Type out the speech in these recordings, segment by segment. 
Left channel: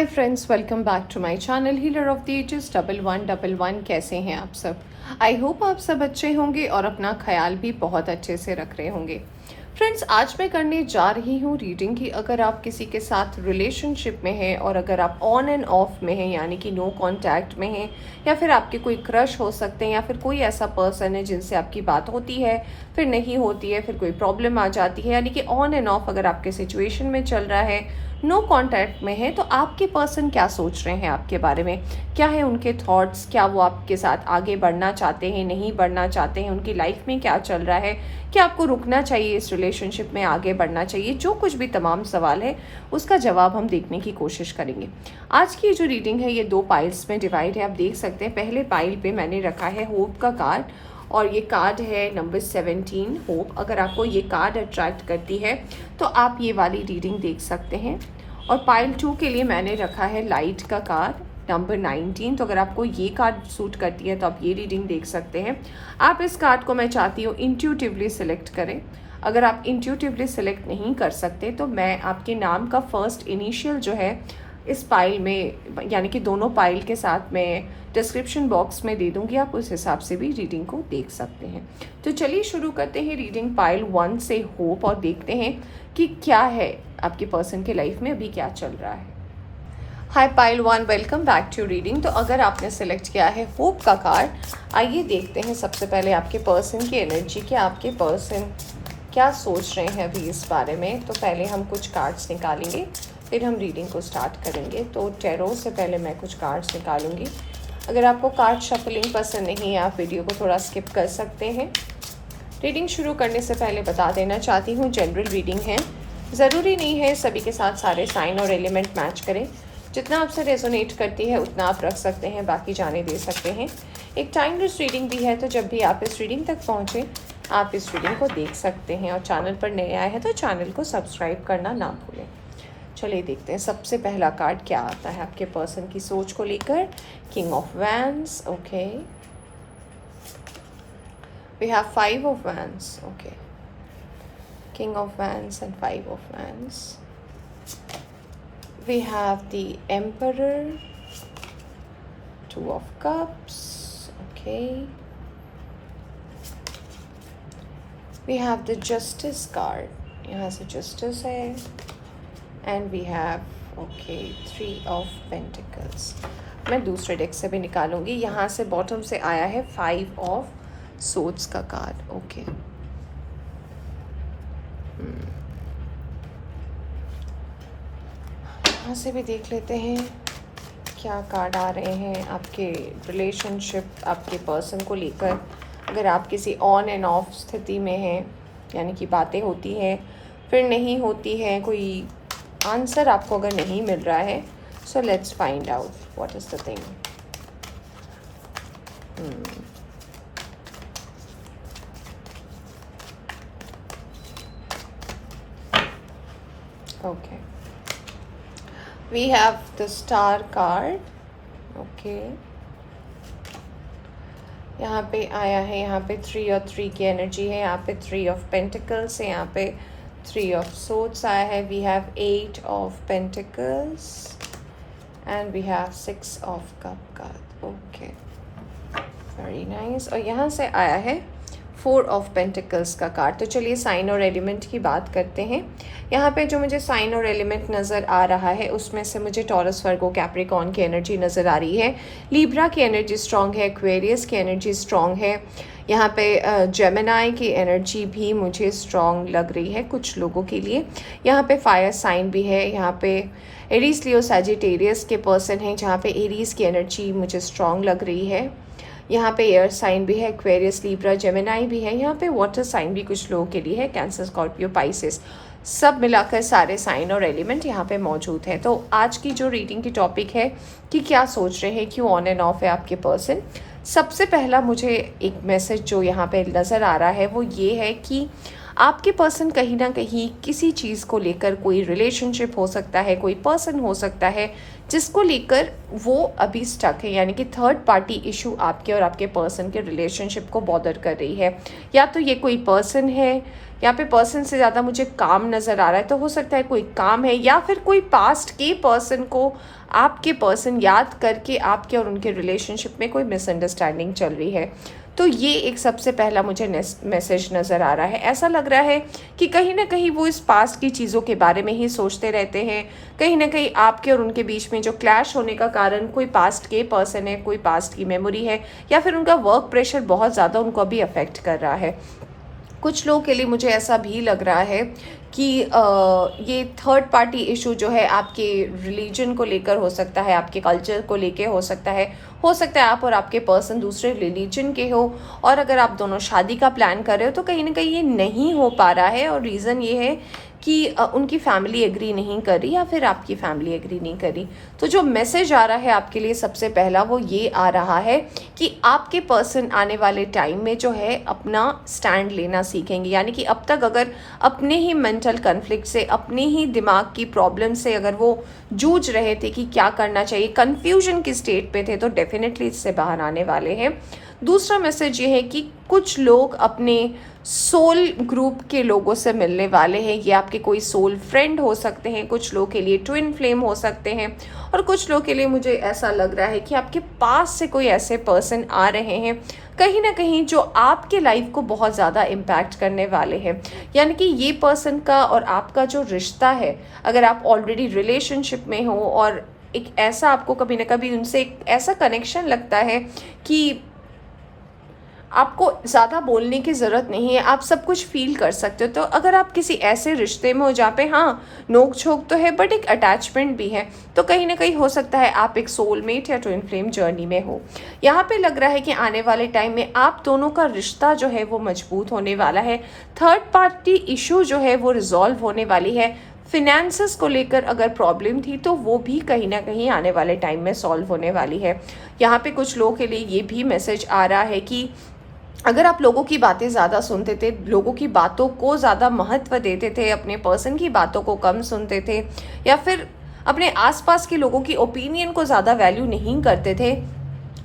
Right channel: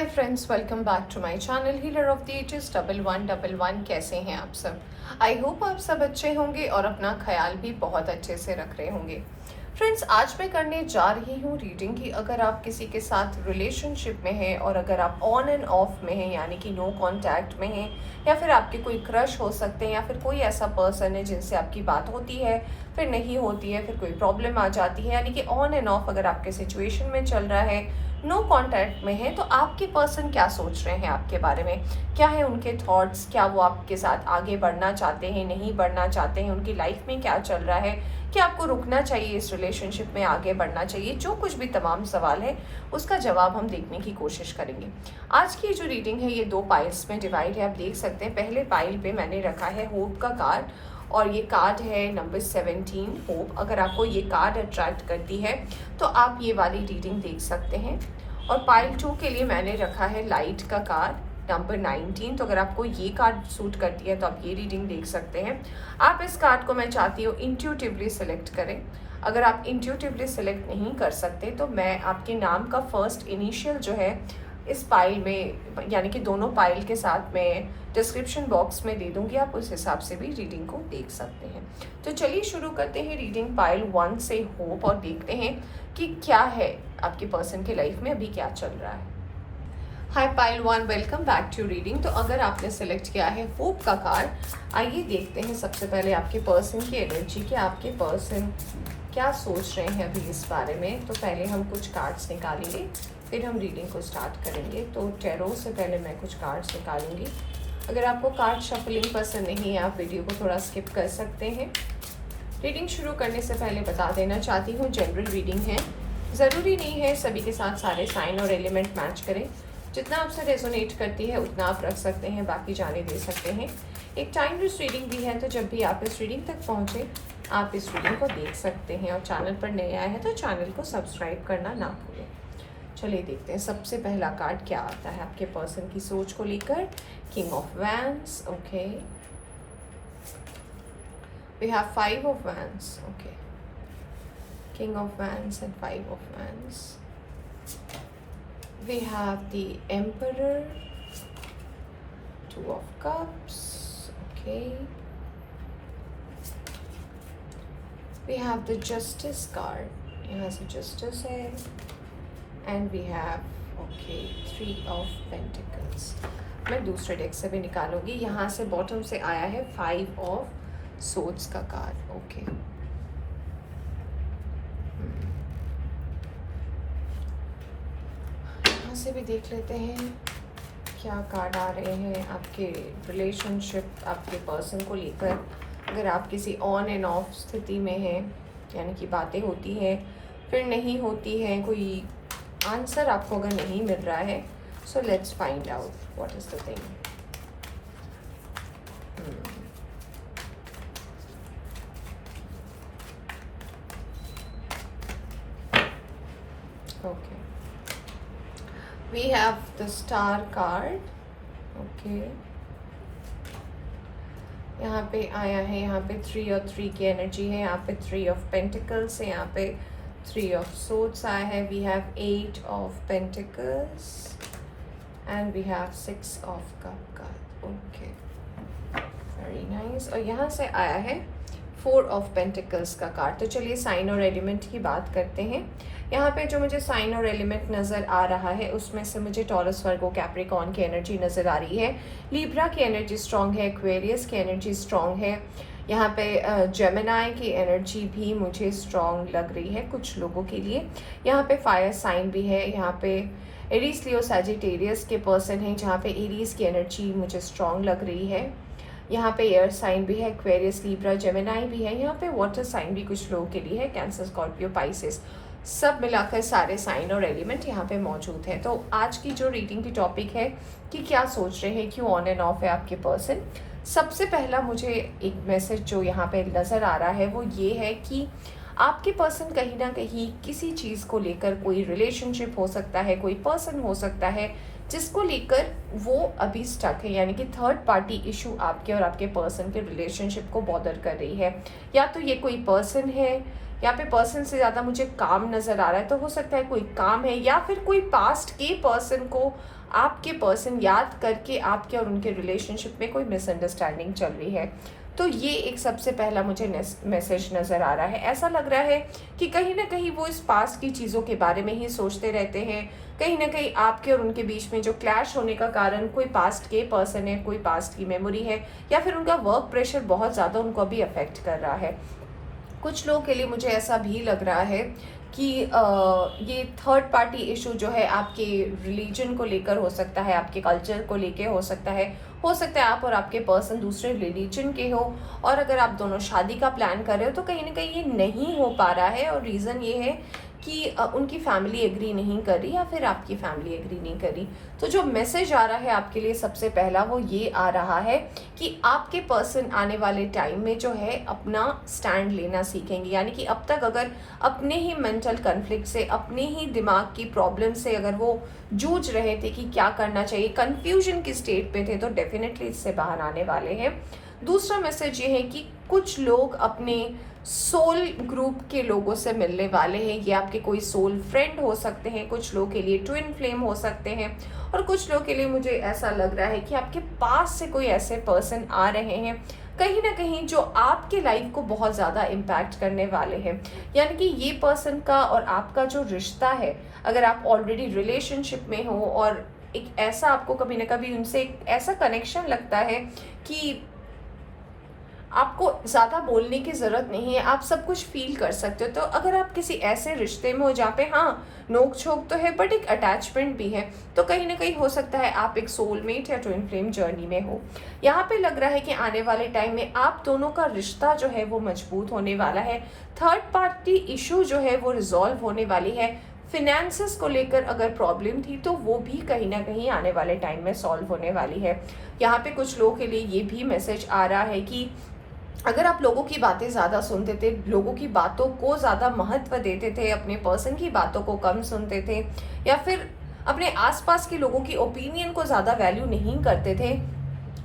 Hi friends, welcome back to my channel healer of the ages 1111। कैसे हैं आप सब? आई होप आप सब अच्छे होंगे और अपना ख्याल भी बहुत अच्छे से रख रहे होंगे। फ्रेंड्स, आज मैं करने जा रही हूँ रीडिंग की। अगर आप किसी के साथ रिलेशनशिप में हैं और अगर आप ऑन एंड ऑफ में हैं यानी कि नो कांटेक्ट में हैं, या फिर आपके कोई क्रश हो सकते हैं, या फिर कोई ऐसा पर्सन है जिनसे आपकी बात होती है फिर नहीं होती है, फिर कोई प्रॉब्लम आ जाती है, यानी कि ऑन एंड ऑफ अगर आपके सिचुएशन में चल रहा है, नो कांटेक्ट में है, तो आपके पर्सन क्या सोच रहे हैं आपके बारे में, क्या है उनके थॉट्स, क्या वो आपके साथ आगे बढ़ना चाहते हैं, नहीं बढ़ना चाहते हैं, उनकी लाइफ में क्या चल रहा है, क्या आपको रुकना चाहिए इस रिलेशनशिप में, आगे बढ़ना चाहिए, जो कुछ भी तमाम सवाल है उसका जवाब हम देखने की कोशिश करेंगे। आज की जो रीडिंग है ये 2 पाइल्स में डिवाइड है। आप देख सकते हैं पहले पाइल पे मैंने रखा है होप का कार्ड, और ये कार्ड है नंबर 17 होप। अगर आपको ये कार्ड अट्रैक्ट करती है तो आप ये वाली रीडिंग देख सकते हैं। और पाइल 2 के लिए मैंने रखा है लाइट का कार्ड नंबर 19। तो अगर आपको ये कार्ड सूट करती है तो आप ये रीडिंग देख सकते हैं। आप इस कार्ड को, मैं चाहती हूँ, इंट्यूटिवली सिलेक्ट करें। अगर आप इंट्यूटिवली सिलेक्ट नहीं कर सकते तो मैं आपके नाम का फर्स्ट इनिशियल जो है इस पाइल में, यानी कि दोनों पाइल के साथ मैं डिस्क्रिप्शन बॉक्स में दे दूंगी, आप उस हिसाब से भी रीडिंग को देख सकते हैं। तो चलिए शुरू करते हैं रीडिंग पाइल 1 से होप, और देखते हैं कि क्या है आपके पर्सन के लाइफ में अभी क्या चल रहा है। Hi pile 1, welcome back to reading. तो अगर आपने सेलेक्ट किया है होप का कार्ड, आइए देखते हैं सबसे पहले आपके पर्सन की एनर्जी, कि आपके पर्सन क्या सोच रहे हैं अभी इस बारे में। तो पहले हम कुछ कार्ड्स निकालेंगे, फिर हम रीडिंग को स्टार्ट करेंगे। तो टैरो से पहले मैं कुछ कार्ड्स निकालूंगी। अगर आपको कार्ड शफलिंग पसंद नहीं है, आप वीडियो को थोड़ा स्किप कर सकते हैं। रीडिंग शुरू करने से पहले बता देना चाहती हूँ, जनरल रीडिंग है, ज़रूरी नहीं है सभी के साथ सारे साइन और एलिमेंट मैच करें। जितना आपसे रेजोनेट करती है उतना आप रख सकते हैं, बाकी जाने दे सकते हैं। एक टाइमलेस रीडिंग भी है, तो जब भी आप इस रीडिंग तक पहुँचे आप इस रीडिंग को देख सकते हैं। और चैनल पर नए आए हैं तो चैनल को सब्सक्राइब करना ना भूलें। चलिए देखते हैं सबसे पहला कार्ड क्या आता है आपके पर्सन की सोच को लेकर। King of wands, okay. We have 5 of wands, okay. King of Wands and 5 of Wands. We have the Emperor, 2 of Cups, okay. We have the Justice card, यहाँ से Justice है, and we have, okay, 3 of Pentacles. मैं दूसरे deck से भी निकालूंगी। यहाँ से bottom से आया है 5 of Swords का कार्ड, ओके। यहाँ से भी देख लेते हैं क्या कार्ड आ रहे हैं आपके रिलेशनशिप, आपके पर्सन को लेकर। अगर आप किसी ऑन एंड ऑफ स्थिति में हैं, यानी कि बातें होती हैं फिर नहीं होती हैं, कोई आंसर आपको अगर नहीं मिल रहा है, so let's find out what is the thing. Okay, we have the star card, okay. यहाँ पे आया है, यहाँ पे 3 और 3 की एनर्जी है, यहाँ पे 3 of Pentacles है, यहाँ पे 3 of Swords आया है। we have 8 of Pentacles and we have 6 of Cup card, okay, very nice। और यहाँ से आया है 4 ऑफ पेंटिकल्स का कार्ड। तो चलिए साइन और एलिमेंट की बात करते हैं। यहाँ पे जो मुझे साइन और एलिमेंट नज़र आ रहा है उसमें से मुझे टॉरस, वर्गो, कैप्रिकॉर्न की एनर्जी नज़र आ रही है, लिब्रा की एनर्जी स्ट्रॉन्ग है, एक्वेरियस की एनर्जी स्ट्रॉन्ग है, यहाँ पे जेमिनाई की एनर्जी भी मुझे स्ट्रॉन्ग लग रही है कुछ लोगों के लिए। यहाँ पे फायर साइन भी है, यहाँ पे एरीज, लियो, सैजिटेरियस के पर्सन हैं जहाँ पे एरीज की एनर्जी मुझे स्ट्रॉन्ग लग रही है। यहाँ पे एयर साइन भी है, एक्वेरियस, लिब्रा, जेमिनाई भी है, यहाँ पे वाटर साइन भी कुछ लोगों के लिए है, कैंसर, स्कॉर्पियो, पाइसेस, सब मिलाकर सारे साइन और एलिमेंट यहाँ पे मौजूद हैं। तो आज की जो रीडिंग की टॉपिक है कि क्या सोच रहे हैं, क्यों ऑन एंड ऑफ है आपके पर्सन। सबसे पहला मुझे एक मैसेज जो यहाँ पे नज़र आ रहा है वो ये है कि आपके पर्सन कहीं ना कहीं किसी चीज़ को लेकर, कोई रिलेशनशिप हो सकता है, कोई पर्सन हो सकता है जिसको लेकर वो अभी स्टक है, यानी कि थर्ड पार्टी इशू आपके और आपके पर्सन के रिलेशनशिप को बॉदर कर रही है। या तो ये कोई पर्सन है, यहाँ पे पर्सन से ज़्यादा मुझे काम नज़र आ रहा है, तो हो सकता है कोई काम है, या फिर कोई पास्ट के पर्सन को आपके पर्सन याद करके आपके और उनके रिलेशनशिप में कोई मिसअंडरस्टैंडिंग चल रही है। तो ये एक सबसे पहला मुझे मैसेज नज़र आ रहा है। ऐसा लग रहा है कि कहीं ना कहीं वो इस पास्ट की चीज़ों के बारे में ही सोचते रहते हैं। कहीं ना कहीं आपके और उनके बीच में जो क्लैश होने का कारण कोई पास्ट के पर्सन है, कोई पास्ट की मेमोरी है, या फिर उनका वर्क प्रेशर बहुत ज़्यादा उनको अभी अफेक्ट कर रहा है। कुछ लोगों के लिए मुझे ऐसा भी लग रहा है कि ये थर्ड पार्टी इशू जो है आपके रिलीजन को लेकर हो सकता है, आपके कल्चर को लेकर हो सकता है। हो सकता है आप और आपके पर्सन दूसरे रिलीजन के हो, और अगर आप दोनों शादी का प्लान कर रहे हो तो कहीं ना कहीं ये नहीं हो पा रहा है, और रीज़न ये है कि उनकी फैमिली एग्री नहीं कर रही, या फिर आपकी फैमिली एग्री नहीं कर रही। तो जो मैसेज आ रहा है आपके लिए सबसे पहला वो ये आ रहा है कि आपके पर्सन आने वाले टाइम में जो है अपना स्टैंड लेना सीखेंगे। यानी कि अब तक अगर अपने ही मेंटल कन्फ्लिक्ट से, अपने ही दिमाग की प्रॉब्लम से अगर वो जूझ रहे थे कि क्या करना चाहिए, कन्फ्यूजन की स्टेट पे थे, तो डेफिनेटली इससे बाहर आने वाले हैं। दूसरा मैसेज ये है कि कुछ लोग अपने सोल ग्रुप के लोगों से मिलने वाले हैं। ये आपके कोई सोल फ्रेंड हो सकते हैं, कुछ लोग के लिए ट्विन फ्लेम हो सकते हैं, और कुछ लोग के लिए मुझे ऐसा लग रहा है कि आपके पास से कोई ऐसे पर्सन आ रहे हैं कहीं ना कहीं जो आपके लाइफ को बहुत ज़्यादा इम्पैक्ट करने वाले हैं। यानी कि ये पर्सन का और आपका जो रिश्ता है, अगर आप ऑलरेडी रिलेशनशिप में हो और एक ऐसा आपको कभी ना कभी उनसे एक ऐसा कनेक्शन लगता है कि आपको ज़्यादा बोलने की ज़रूरत नहीं है, आप सब कुछ फील कर सकते हो। तो अगर आप किसी ऐसे रिश्ते में हो जहाँ पे हाँ नोक झोंक तो है बट एक अटैचमेंट भी है, तो कहीं ना कहीं हो सकता है आप एक सोलमेट या ट्विन फ्लेम जर्नी में हो। यहाँ पे लग रहा है कि आने वाले टाइम में आप दोनों का रिश्ता जो है वो मजबूत होने वाला है। थर्ड पार्टी इशू जो है वो रिजॉल्व होने वाली है। फिनेंसेस को लेकर अगर प्रॉब्लम थी तो वो भी कहीं ना कहीं आने वाले टाइम में सॉल्व होने वाली है। यहाँ पे कुछ लोगों के लिए ये भी मैसेज आ रहा है कि अगर आप लोगों की बातें ज़्यादा सुनते थे, लोगों की बातों को ज़्यादा महत्व देते थे, अपने पर्सन की बातों को कम सुनते थे, या फिर अपने आसपास के लोगों की ओपिनियन को ज़्यादा वैल्यू नहीं करते थे,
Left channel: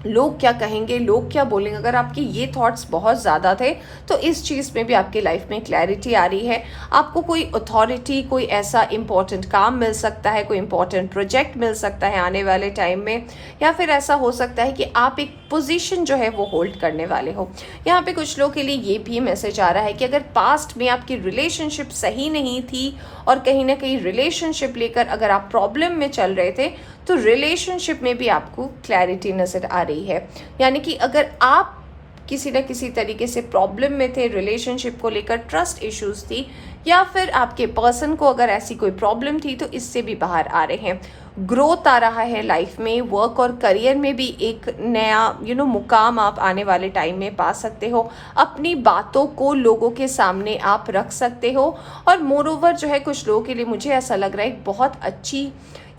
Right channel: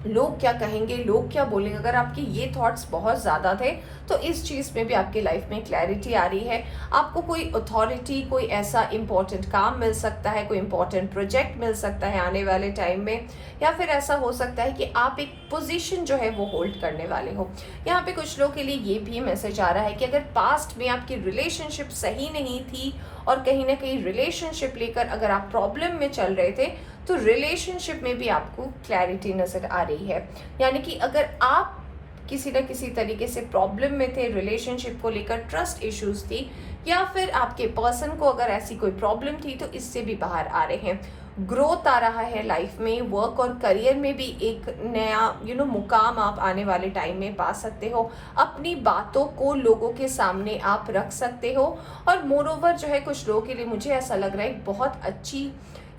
लोग क्या कहेंगे, लोग क्या बोलेंगे, अगर आपके ये थॉट्स बहुत ज़्यादा थे तो इस चीज़ में भी आपकी लाइफ में क्लैरिटी आ रही है। आपको कोई अथॉरिटी, कोई ऐसा इंपॉर्टेंट काम मिल सकता है, कोई इंपॉर्टेंट प्रोजेक्ट मिल सकता है आने वाले टाइम में, या फिर ऐसा हो सकता है कि आप एक पोजीशन जो है वो होल्ड करने वाले हो। यहाँ पे कुछ लोगों के लिए ये भी मैसेज आ रहा है कि अगर पास्ट में आपकी रिलेशनशिप सही नहीं थी और कहीं ना कहीं रिलेशनशिप लेकर अगर आप प्रॉब्लम में चल रहे थे, तो रिलेशनशिप में भी आपको क्लैरिटी नज़र आ रही है। यानी कि अगर आप किसी न किसी तरीके से प्रॉब्लम में थे रिलेशनशिप को लेकर, ट्रस्ट इश्यूज थी, या फिर आपके पर्सन को अगर ऐसी कोई प्रॉब्लम थी, तो इससे भी बाहर आ रहे हैं। ग्रोथ आ रहा है लाइफ में, वर्क और करियर में भी एक नया मुकाम आप आने वाले टाइम में पा सकते हो। अपनी बातों को लोगों के सामने आप रख सकते हो, और मोर ओवर जो है कुछ लोगों के लिए मुझे ऐसा लग रहा है बहुत अच्छी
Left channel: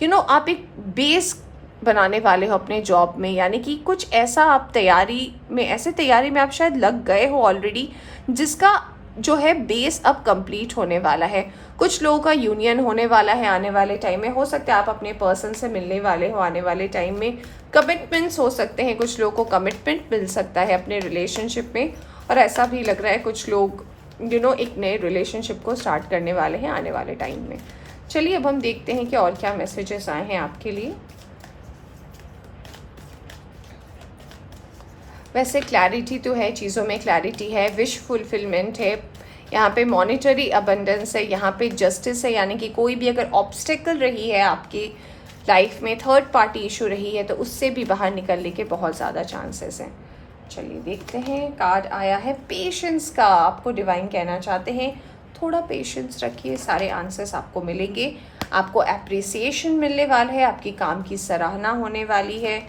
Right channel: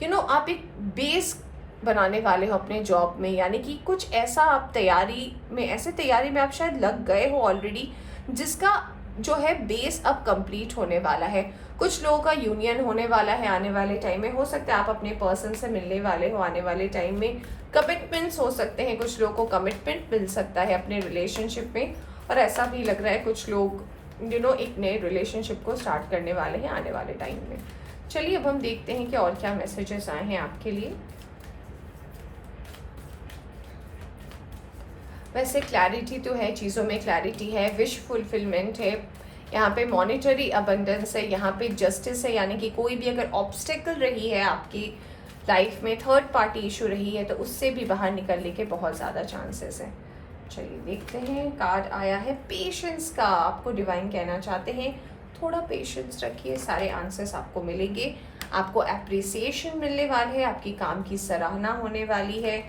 आप एक बेस बनाने वाले हो अपने जॉब में। यानी कि कुछ ऐसा आप तैयारी में आप शायद लग गए हो ऑलरेडी, जिसका जो है बेस अब कंप्लीट होने वाला है। कुछ लोगों का यूनियन होने वाला है आने वाले टाइम में। हो सकता है आप अपने पर्सन से मिलने वाले हो आने वाले टाइम में। कमिटमेंट्स हो सकते हैं, कुछ लोगों को कमिटमेंट मिल सकता है अपने रिलेशनशिप में, और ऐसा भी लग रहा है कुछ लोग एक नए रिलेशनशिप को स्टार्ट करने वाले हैं आने वाले टाइम में। चलिए अब हम देखते हैं कि और क्या मैसेजेस आए हैं आपके लिए। वैसे क्लैरिटी तो है, चीज़ों में क्लैरिटी है, विश फुलफिलमेंट है, यहाँ पे मॉनिटरी अबंडेंस है, यहाँ पे जस्टिस है। यानी कि कोई भी अगर ऑब्स्टेकल रही है आपकी लाइफ में, थर्ड पार्टी इशू रही है, तो उससे भी बाहर निकलने के बहुत ज़्यादा चांसेस हैं। चलिए देखते हैं। कार्ड आया है पेशेंस का। आपको डिवाइन कहना चाहते हैं थोड़ा पेशेंस रखिए, सारे आंसर्स आपको मिलेंगे। आपको एप्रिसिएशन मिलने वाला है, आपकी काम की सराहना होने वाली है,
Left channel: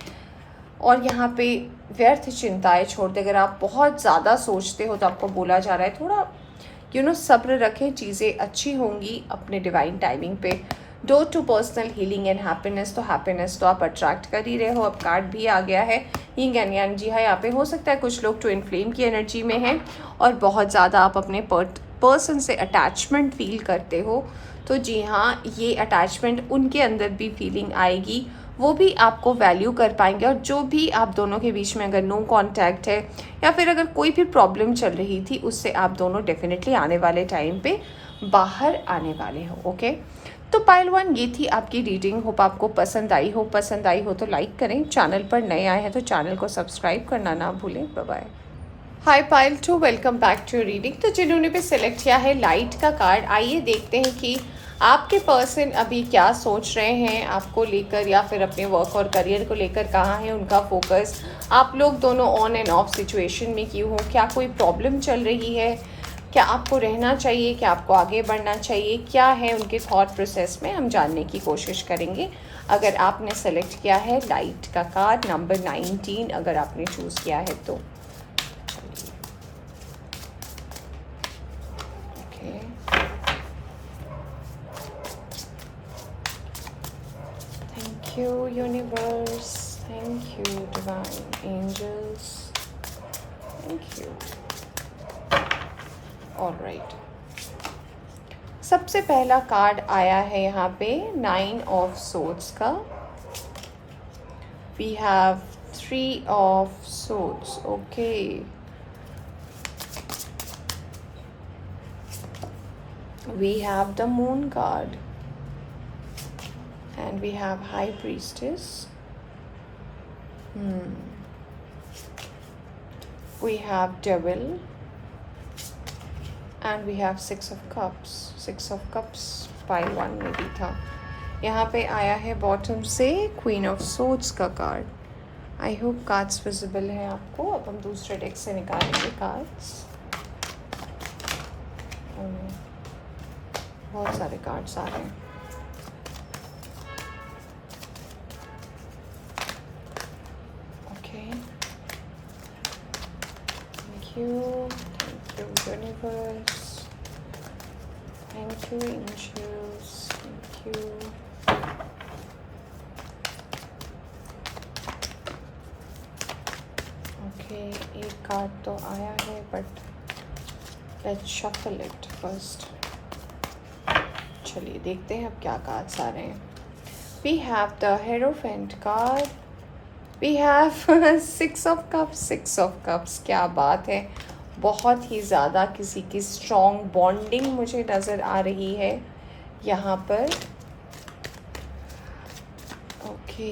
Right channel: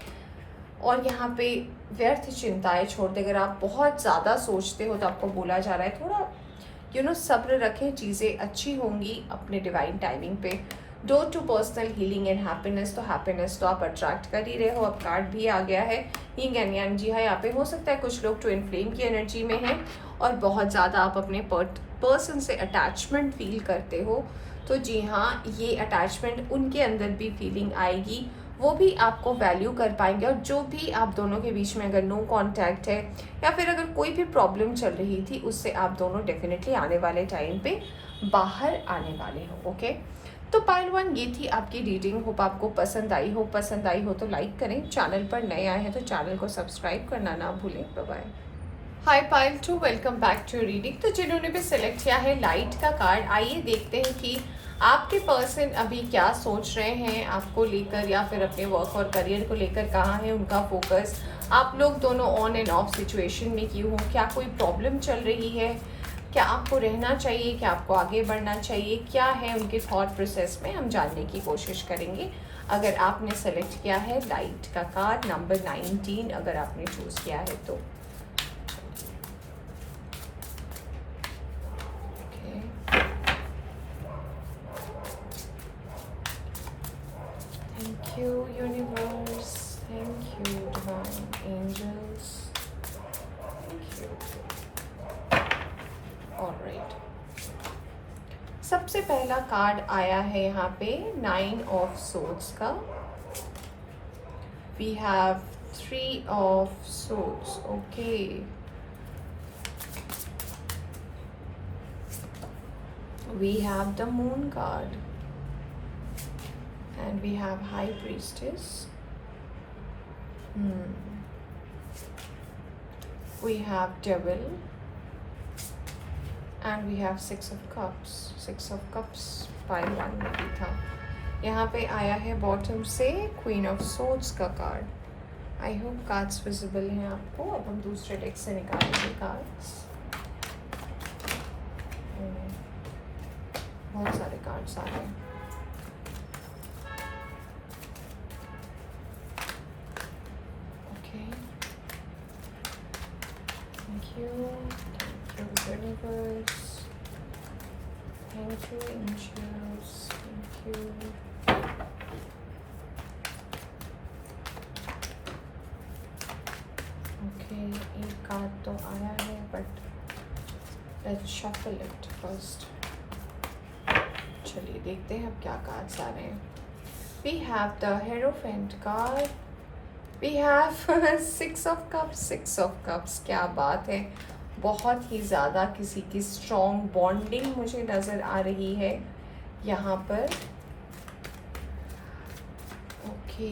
और यहाँ पे व्यर्थ चिंताएं छोड़ दे। अगर आप बहुत ज़्यादा सोचते हो तो आपको बोला जा रहा है थोड़ा सब्र रखें, चीज़ें अच्छी होंगी अपने डिवाइन टाइमिंग पे। Door to personal healing and happiness, तो हैप्पीनेस तो आप अट्रैक्ट कर ही रहे हो। अब कार्ड भी आ गया है यिंग एंड यांग। जी हाँ, यहाँ पे हो सकता है कुछ लोग ट्विन फ्लेम की एनर्जी में हैं और बहुत ज़्यादा आप अपने पर्सन से अटैचमेंट फील करते हो तो जी हाँ, ये अटैचमेंट उनके अंदर भी फीलिंग आएगी, वो भी आपको वैल्यू कर पाएंगे। और जो भी आप दोनों के बीच में अगर नो कांटेक्ट है या फिर अगर कोई भी प्रॉब्लम चल रही थी, उससे आप दोनों डेफिनेटली आने वाले टाइम पे बाहर आने वाले हो। ओके, तो पाइल 1 ये थी आपकी रीडिंग। होप आपको पसंद आई हो। पसंद आई हो तो लाइक करें, चैनल पर नए आए हैं तो चैनल को सब्सक्राइब करना ना भूलें। Bye bye. Hi pile 2, welcome back to reading. तो जिन्होंने भी सिलेक्ट किया है लाइट का कार्ड, आइए देखते हैं कि आपके पर्सन अभी क्या सोच रहे हैं आपको लेकर, या फिर अपने वर्क और करियर को लेकर कहाँ है उनका फोकस। आप लोग दोनों ऑन एंड ऑफ सिचुएशन में क्यों हो, क्या कोई प्रॉब्लम चल रही है, क्या आपको रहना चाहिए, क्या आपको आगे बढ़ना चाहिए, क्या है उनके थॉट प्रोसेस में, हम जानने की कोशिश करेंगे। अगर आपने सेलेक्ट किया है लाइट का कार्ड नंबर 19, अगर आपने चूज़ किया है तो thank you universe, thank you divine angels, thank you. Alright, सबसे पहला कार्ड आया है यहाँ पे 9 ऑफ सोर्ड्स का। We have 3 of swords. Okay, we have the moon card and we have high priestess. We have devil and we have 6 of cups. 6 of cups pile 1 में भी था। यहाँ पे आया है बॉटम से क्वीन ऑफ सोर्ड्स का card. I hope cards visible है आपको। अब हम दूसरे डेक से निकालेंगे कार्ड्स। बहुत सारे कार्ड्स आ रहे हैं। Okay, thank you universe, thank you angels, thank you. Okay, एक कार्ड तो आया है but let's shuffle it first. चलिए देखते हैं अब क्या कार्ड्स आ रहे हैं। We have the hierophant card, we have 6 of cups. 6 of cups, क्या बात है। बहुत ही ज़्यादा किसी की स्ट्रॉन्ग बॉन्डिंग मुझे नज़र आ रही है यहाँ पर। ओके,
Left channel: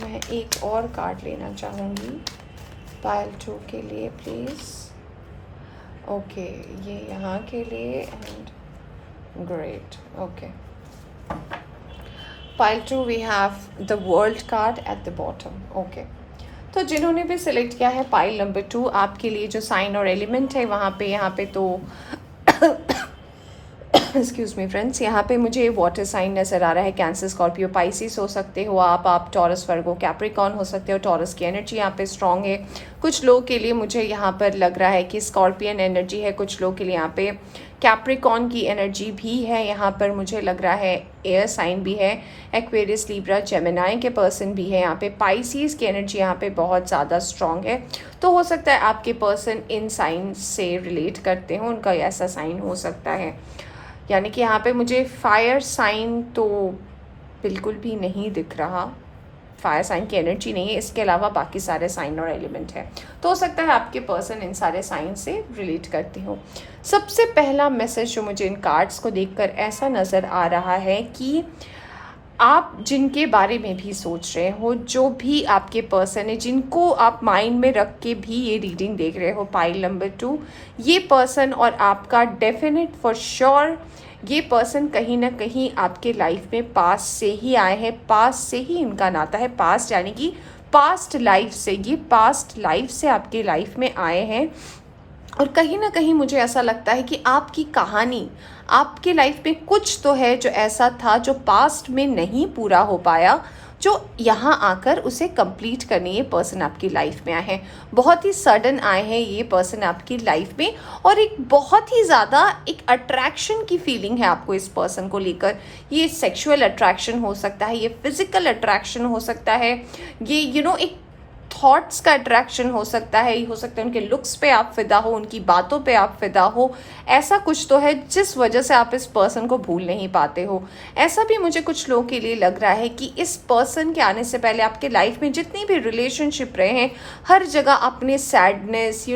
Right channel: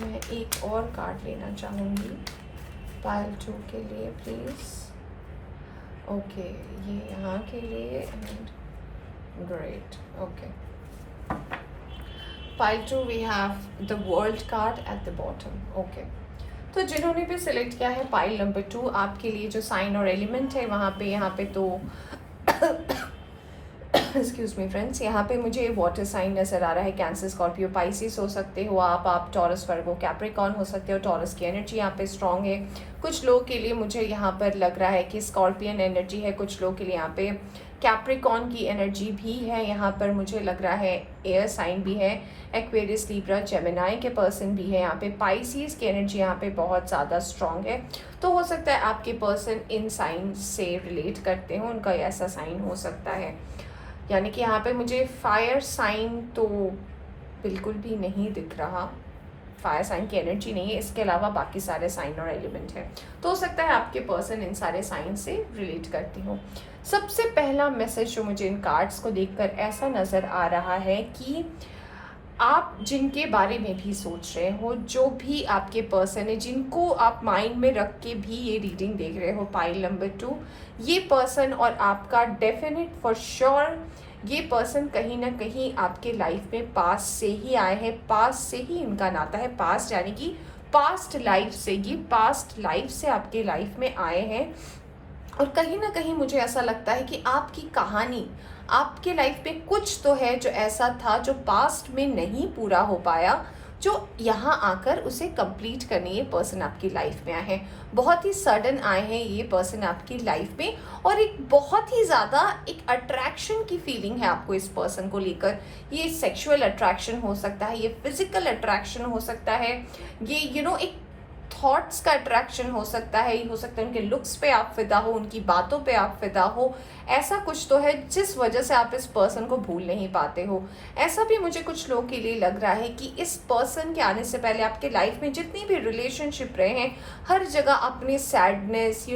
मैं एक और कार्ड लेना चाहूँगी पाइल 2 के लिए प्लीज़। ओके, ये यहाँ के लिए and great. Okay, pile 2 we have the world card at the bottom. Okay, तो जिन्होंने भी सिलेक्ट किया है पाइल नंबर 2, आपके लिए जो साइन और एलिमेंट है वहाँ पे, यहाँ पे तो एक्सक्यूज मी फ्रेंड्स, यहाँ पे मुझे वाटर साइन नज़र आ रहा है। कैंसर, स्कॉर्पियो, पाइसिस हो सकते हो आप टॉरस, वर्गो, कैप्रिकॉर्न हो सकते हो। टॉरस की एनर्जी यहाँ पे स्ट्रॉन्ग है। कुछ लोग के लिए मुझे यहाँ पर लग रहा है कि स्कॉर्पियन एनर्जी है। कुछ लोग के लिए यहाँ पे कैप्रिकॉर्न की एनर्जी भी है। यहाँ पर मुझे लग रहा है एयर साइन भी है। एक्वेरियस, लिब्रा, जेमिनाई के पर्सन भी है। यहाँ पे पाइसिस की एनर्जी यहाँ पे बहुत ज़्यादा स्ट्रॉन्ग है। तो हो सकता है आपके पर्सन इन साइन से रिलेट करते हो, उनका ऐसा साइन हो सकता है। यानी कि यहाँ पे मुझे फायर साइन तो बिल्कुल भी नहीं दिख रहा, फायर साइन की एनर्जी नहीं है। इसके अलावा बाकी सारे साइन और एलिमेंट है। तो हो सकता है आपके पर्सन इन सारे साइन से रिलेट करते हो। सबसे पहला मैसेज जो मुझे इन कार्ड्स को देखकर ऐसा नज़र आ रहा है कि आप जिनके बारे में भी सोच रहे हो, जो भी आपके पर्सन है, जिनको आप माइंड में रख के भी ये रीडिंग देख रहे हो पाइल नंबर 2, ये पर्सन और आपका डेफिनेट फॉर श्योर ये पर्सन कहीं ना कहीं आपके लाइफ में पास्ट से ही आए हैं। पास्ट से ही इनका नाता है। पास्ट यानी कि पास्ट लाइफ से, ये पास्ट लाइफ से आपके लाइफ में आए हैं। और कहीं ना कहीं मुझे ऐसा लगता है कि आपकी कहानी, आपके लाइफ में कुछ तो है जो ऐसा था जो पास्ट में नहीं पूरा हो पाया, जो यहाँ आकर उसे कंप्लीट करने ये पर्सन आपकी लाइफ में आए हैं। बहुत ही सडन आए हैं ये पर्सन आपकी लाइफ में, और एक बहुत ही ज़्यादा एक अट्रैक्शन की फीलिंग है आपको इस पर्सन को लेकर। ये सेक्सुअल अट्रैक्शन हो सकता है, ये फिजिकल अट्रैक्शन हो सकता है, ये एक थॉट्स का अट्रैक्शन हो सकता है उनके लुक्स पे आप फिदा हो, उनकी बातों पे आप फिदा हो। ऐसा कुछ तो है जिस वजह से आप इस पर्सन को भूल नहीं पाते हो। ऐसा भी मुझे कुछ लोगों के लिए लग रहा है कि इस पर्सन के आने से पहले आपके लाइफ में जितनी भी रिलेशनशिप रहे हैं, हर जगह आपने सैडनेस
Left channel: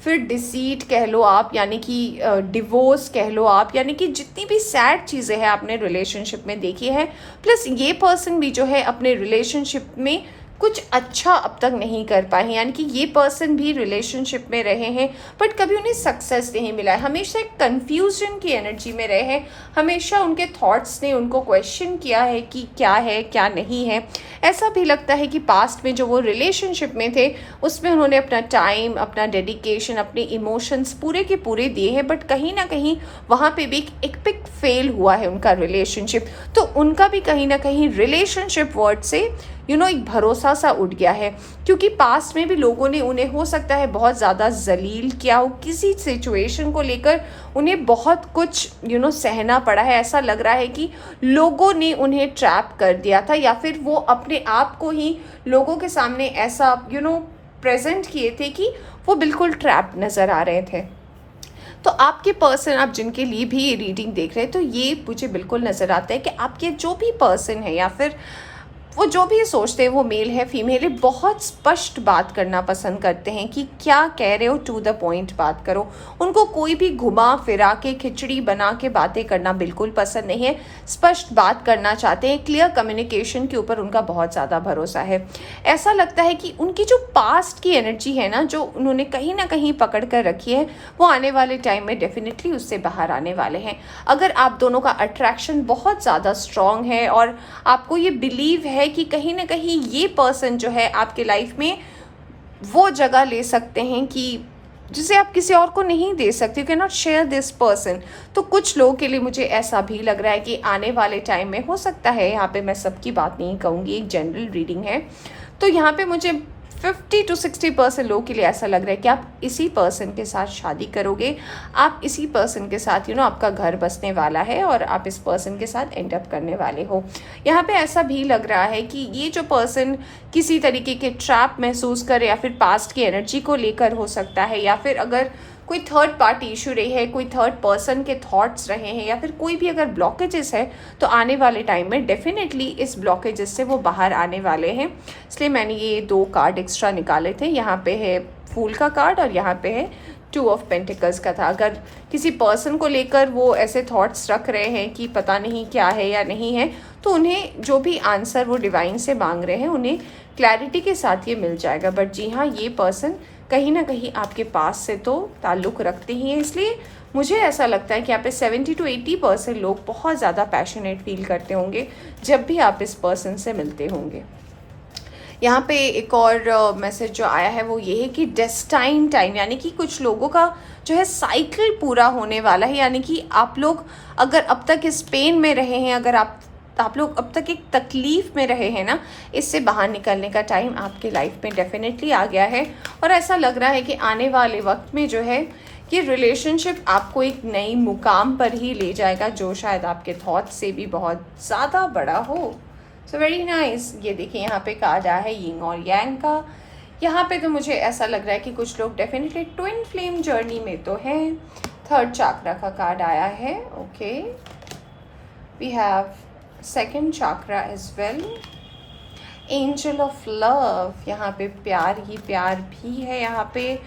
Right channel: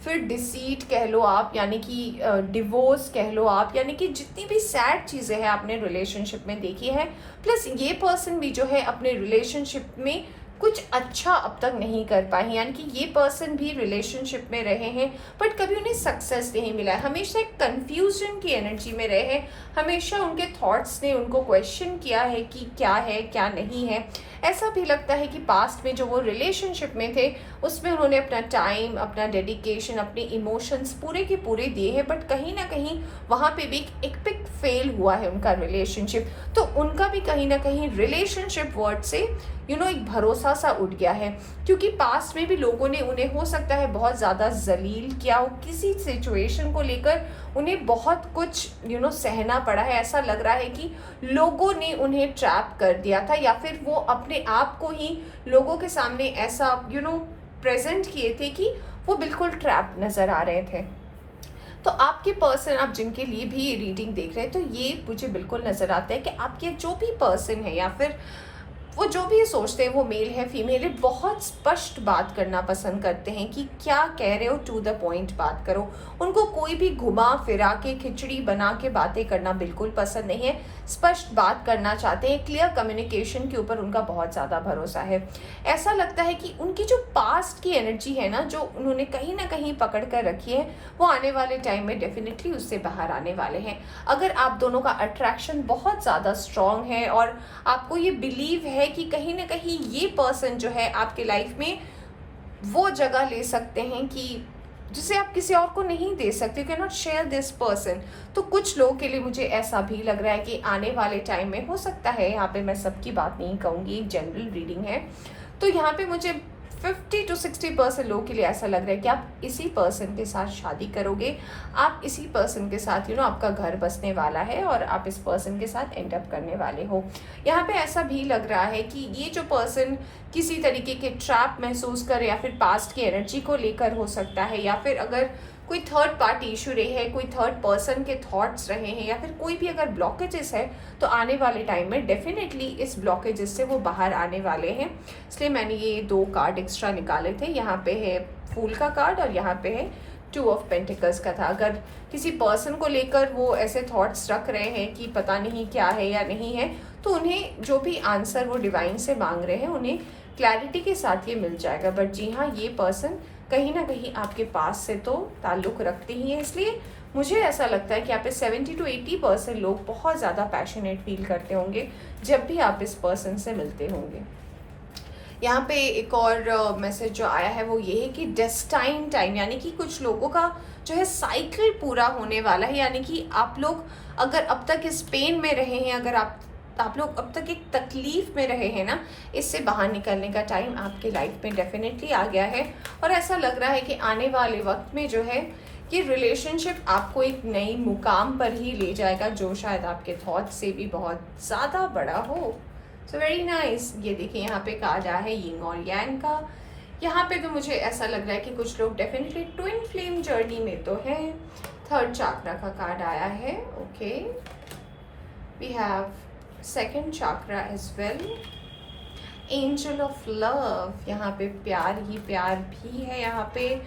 फिर डिसीट कह लो आप, यानी कि डिवोर्स कह लो आप, यानी कि जितनी भी सैड चीज़ें हैं आपने रिलेशनशिप में देखी है। प्लस ये पर्सन भी जो है अपने रिलेशनशिप में कुछ अच्छा अब तक नहीं कर पाए हैं, यानी कि ये पर्सन भी रिलेशनशिप में रहे हैं बट कभी उन्हें सक्सेस नहीं मिला है। हमेशा एक कन्फ्यूजन की एनर्जी में रहे हैं, हमेशा उनके थॉट्स ने उनको क्वेश्चन किया है कि क्या है क्या नहीं है। ऐसा भी लगता है कि पास्ट में जो वो रिलेशनशिप में थे उसमें उन्होंने अपना टाइम, अपना डेडिकेशन, अपने इमोशंस पूरे के पूरे दिए हैं, बट कहीं ना कहीं वहाँ पे भी एक पिक फेल हुआ है उनका रिलेशनशिप। तो उनका भी कहीं ना कहीं रिलेशनशिप वर्ड से एक भरोसा सा उठ गया है, क्योंकि पास्ट में भी लोगों ने उन्हें हो सकता है बहुत ज़्यादा जलील किया हो, किसी सिचुएशन को लेकर उन्हें बहुत कुछ सहना पड़ा है। ऐसा लग रहा है कि लोगों ने उन्हें ट्रैप कर दिया था, या फिर वो अपने आप को ही लोगों के सामने ऐसा प्रेजेंट किए थे कि वो बिल्कुल ट्रैप नज़र आ रहे थे। तो आपके पर्सन, आप जिनके लिए भी ये रीडिंग देख रहे हैं, तो ये मुझे बिल्कुल नज़र आता है कि आपके जो भी पर्सन है या फिर वो जो भी सोचते हैं, वो मेल है फीमेल है, बहुत स्पष्ट बात करना पसंद करते हैं कि क्या कह रहे हो, टू द पॉइंट बात करो। उनको कोई भी घुमा फिरा के खिचड़ी बना के बातें करना बिल्कुल पसंद नहीं है। स्पष्ट बात करना चाहते हैं, क्लियर कम्युनिकेशन के ऊपर उनका बहुत ज़्यादा भरोसा है। ऐसा लगता है कि उनकी जो पास्ट की एनर्जी है ना, जो उन्होंने कहीं ना कहीं पकड़ कर रखी है, वो आने वाले टाइम में डेफिनेटली उससे बाहर आने वाले हैं। अगर आप दोनों का अट्रैक्शन बहुत ज़्यादा स्ट्रॉन्ग है और आपको ये बिलीव है कि कहीं ना कहीं ये पर्सन जो है आपके लाइफ में वो जगह ले सकते हैं कि जिसे आप किसी और को नहीं दे सकते, you can not share this person. तो कुछ लोगों के लिए मुझे ऐसा भी लग रहा है कि आने वाले टाइम में हो सकता है, यहाँ पे मैं सबकी बात नहीं कहूँगी, एक जनरल रीडिंग है, तो यहाँ पे मुझे 50 to 60% लोगों के लिए ऐसा लग रहा है कि आप इसी पर्सन के साथ शादी करोगे, आप इसी पर्सन के साथ आपका घर बसने वाला है और आप इस पर्सन के साथ एंड अप करने वाले हो। यहाँ पे ऐसा भी लग रहा है कि ये जो पर्सन किसी तरीके के ट्रैप महसूस करे, या फिर पास्ट की एनर्जी को लेकर हो सकता है, या फिर अगर कोई थर्ड पार्टी इशू रही है, कोई थर्ड पर्सन के थॉट्स रहे हैं, या फिर कोई भी अगर ब्लॉकेजेस है, तो आने वाले टाइम में डेफिनेटली इस ब्लॉकेजेस से वो बाहर आने वाले हैं। इसलिए मैंने ये 2 कार्ड एक्स्ट्रा निकाले थे। यहाँ पे है फूल का कार्ड और यहाँ पे है 2 ऑफ पेंटिकल्स का था। अगर किसी पर्सन को लेकर वो ऐसे थॉट्स रख रहे हैं कि पता नहीं क्या है या नहीं है, तो उन्हें जो भी आंसर वो डिवाइन से मांग रहे हैं उन्हें क्लैरिटी के साथ ये मिल जाएगा। बट जी हाँ, ये पर्सन कहीं ना कहीं आपके पास से तो ताल्लुक़ रखते ही हैं, इसलिए मुझे ऐसा लगता है कि यहाँ पे 70 to 80% लोग बहुत ज़्यादा पैशनेट फील करते होंगे जब भी आप इस पर्सन से मिलते होंगे। यहाँ पे एक और मैसेज जो आया है वो ये है कि डेस्टाइन टाइम, यानी कि कुछ लोगों का जो है साइकिल पूरा होने वाला है। यानी कि आप लोग अगर अब तक इस पेन में रहे हैं, अगर आप लोग अब तक एक तकलीफ़ में रहे हैं ना, इससे बाहर निकलने का टाइम आपके लाइफ में डेफिनेटली आ गया है। और ऐसा लग रहा है कि आने वाले वक्त में जो है ये रिलेशनशिप आपको एक नई मुकाम पर ही ले जाएगा, जो शायद आपके थॉट से भी बहुत ज़्यादा बड़ा हो। So very nice. ये देखिए यहाँ पे कार्ड आया है यिंग और यांग का। यहाँ पे तो मुझे ऐसा लग रहा है कि कुछ लोग डेफिनेटली ट्विन फ्लेम जर्नी में तो हैं। थर्ड चाक्रा का कार्ड आया है। Okay, we have second chakra as well. Angel of love, यहाँ पे प्यार ही प्यार भी है। यहाँ पे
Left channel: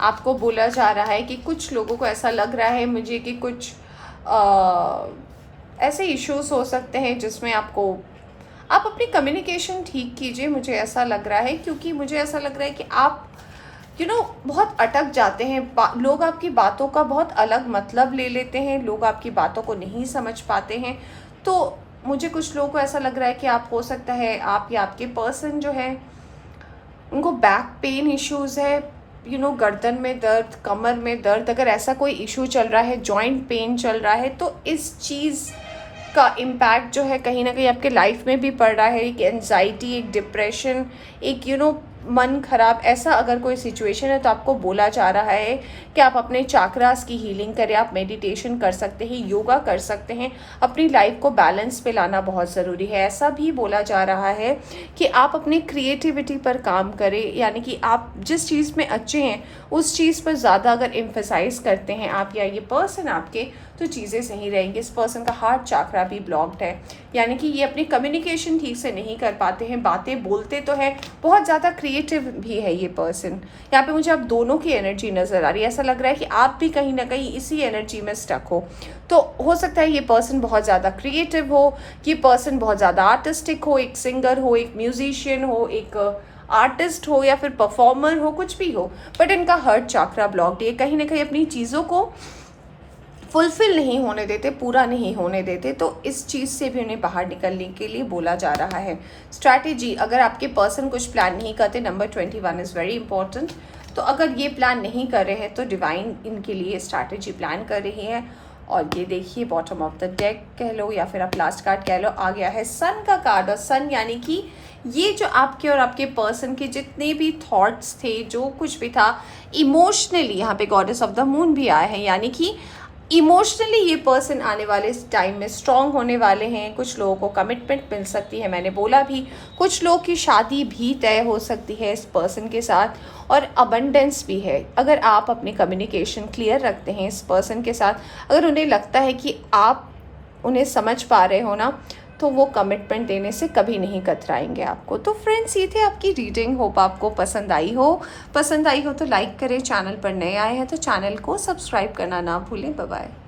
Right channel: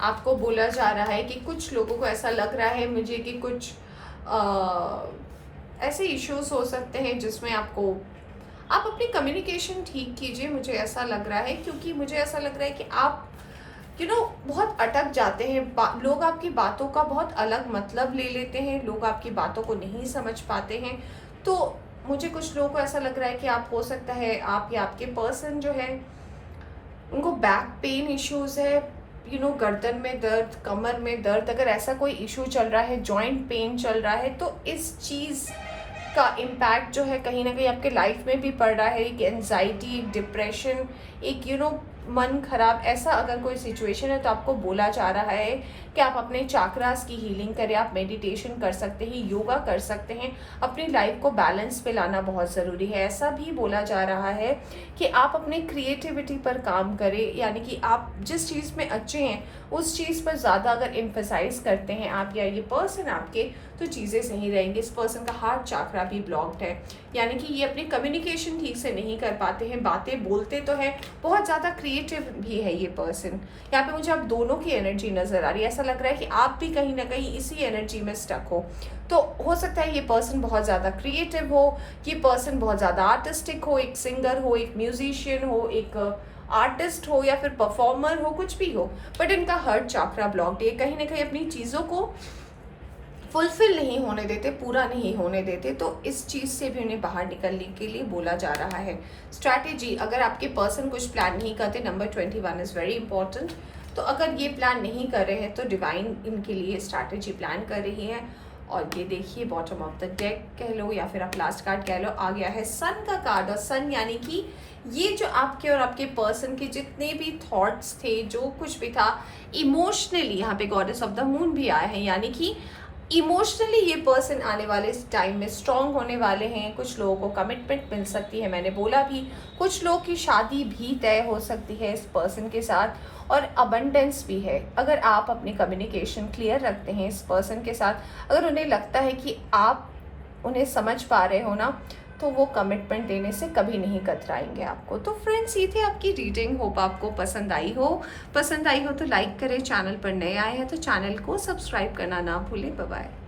आपको बोला जा रहा है कि कुछ लोगों को ऐसा लग रहा है मुझे कि कुछ ऐसे इश्यूज हो सकते हैं जिसमें आप अपनी कम्युनिकेशन ठीक कीजिए, मुझे ऐसा लग रहा है। क्योंकि मुझे ऐसा लग रहा है कि आप बहुत अटक जाते हैं। लोग आपकी बातों का बहुत अलग मतलब ले लेते हैं, लोग आपकी बातों को नहीं समझ पाते हैं। तो मुझे कुछ लोगों को ऐसा लग रहा है कि आप, हो सकता है आप या आपके पर्सन जो है उनको बैक पेन इश्यूज़ है, गर्दन में दर्द, कमर में दर्द, अगर ऐसा कोई इशू चल रहा है, जॉइंट पेन चल रहा है, तो इस चीज़ का इम्पैक्ट जो है कहीं ना कहीं आपके लाइफ में भी पड़ रहा है। एक एंजाइटी, एक डिप्रेशन, एक मन खराब, ऐसा अगर कोई सिचुएशन है तो आपको बोला जा रहा है कि आप अपने चाक्रास की हीलिंग करें, आप मेडिटेशन कर सकते हैं, योगा कर सकते हैं, अपनी लाइफ को बैलेंस पे लाना बहुत ज़रूरी है। ऐसा भी बोला जा रहा है कि आप अपनी क्रिएटिविटी पर काम करें, यानी कि आप जिस चीज़ में अच्छे हैं उस चीज़ पर ज़्यादा अगर एम्फेसाइज करते हैं आप या ये पर्सन आपके, तो चीज़ें सही रहेंगी। इस पर्सन का हार्ट चाक्रा भी ब्लॉक्ड है, यानी कि ये अपनी कम्युनिकेशन ठीक से नहीं कर पाते हैं, बातें बोलते तो हैं, बहुत ज़्यादा क्रिएटिव भी है ये पर्सन। यहाँ पे मुझे अब दोनों की एनर्जी नज़र आ रही है, ऐसा लग रहा है कि आप भी कहीं ना कहीं इसी एनर्जी में स्टक हो। तो हो सकता है ये पर्सन बहुत ज़्यादा क्रिएटिव हो, ये पर्सन बहुत ज़्यादा आर्टिस्टिक हो, एक सिंगर हो, एक म्यूजिशियन हो, एक आर्टिस्ट हो या फिर परफॉर्मर हो, कुछ भी हो, बट इनका हार्ट चाक्रा ब्लॉक्ड है। कहीं ना कहीं अपनी चीज़ों को फुलफिल नहीं होने देते, पूरा नहीं होने देते, तो इस चीज़ से भी उन्हें बाहर निकलने के लिए बोला जा रहा है। स्ट्रैटेजी, अगर आपके पर्सन कुछ प्लान नहीं करते, नंबर 21 इज़ वेरी इंपॉर्टेंट। तो अगर ये प्लान नहीं कर रहे हैं तो डिवाइन इनके लिए स्ट्रैटेजी प्लान कर रही है। और ये देखिए बॉटम ऑफ द डेक कह लो या फिर आप लास्ट कार्ड कह लो, आ गया है सन का कार्ड। और सन यानी कि ये जो आपके और आपके पर्सन के जितने भी थॉट्स थे, जो कुछ भी था इमोशनली, यहाँ पे गॉडेस ऑफ द मून भी आए हैं, यानी कि इमोशनली ये पर्सन आने वाले टाइम में स्ट्रॉन्ग होने वाले हैं। कुछ लोगों को कमिटमेंट मिल सकती है, मैंने बोला भी, कुछ लोगों की शादी भी तय हो सकती है इस पर्सन के साथ, और अबंडेंस भी है। अगर आप अपनी कम्युनिकेशन क्लियर रखते हैं इस पर्सन के साथ, अगर उन्हें लगता है कि आप उन्हें समझ पा रहे हो ना, तो वो कमिटमेंट देने से कभी नहीं कतराएंगे आपको। तो फ्रेंड्स, ये थी आपकी रीडिंग, होप आपको पसंद आई हो तो लाइक करें, चैनल पर नए आए हैं तो चैनल को सब्सक्राइब करना ना भूलें। Bye bye.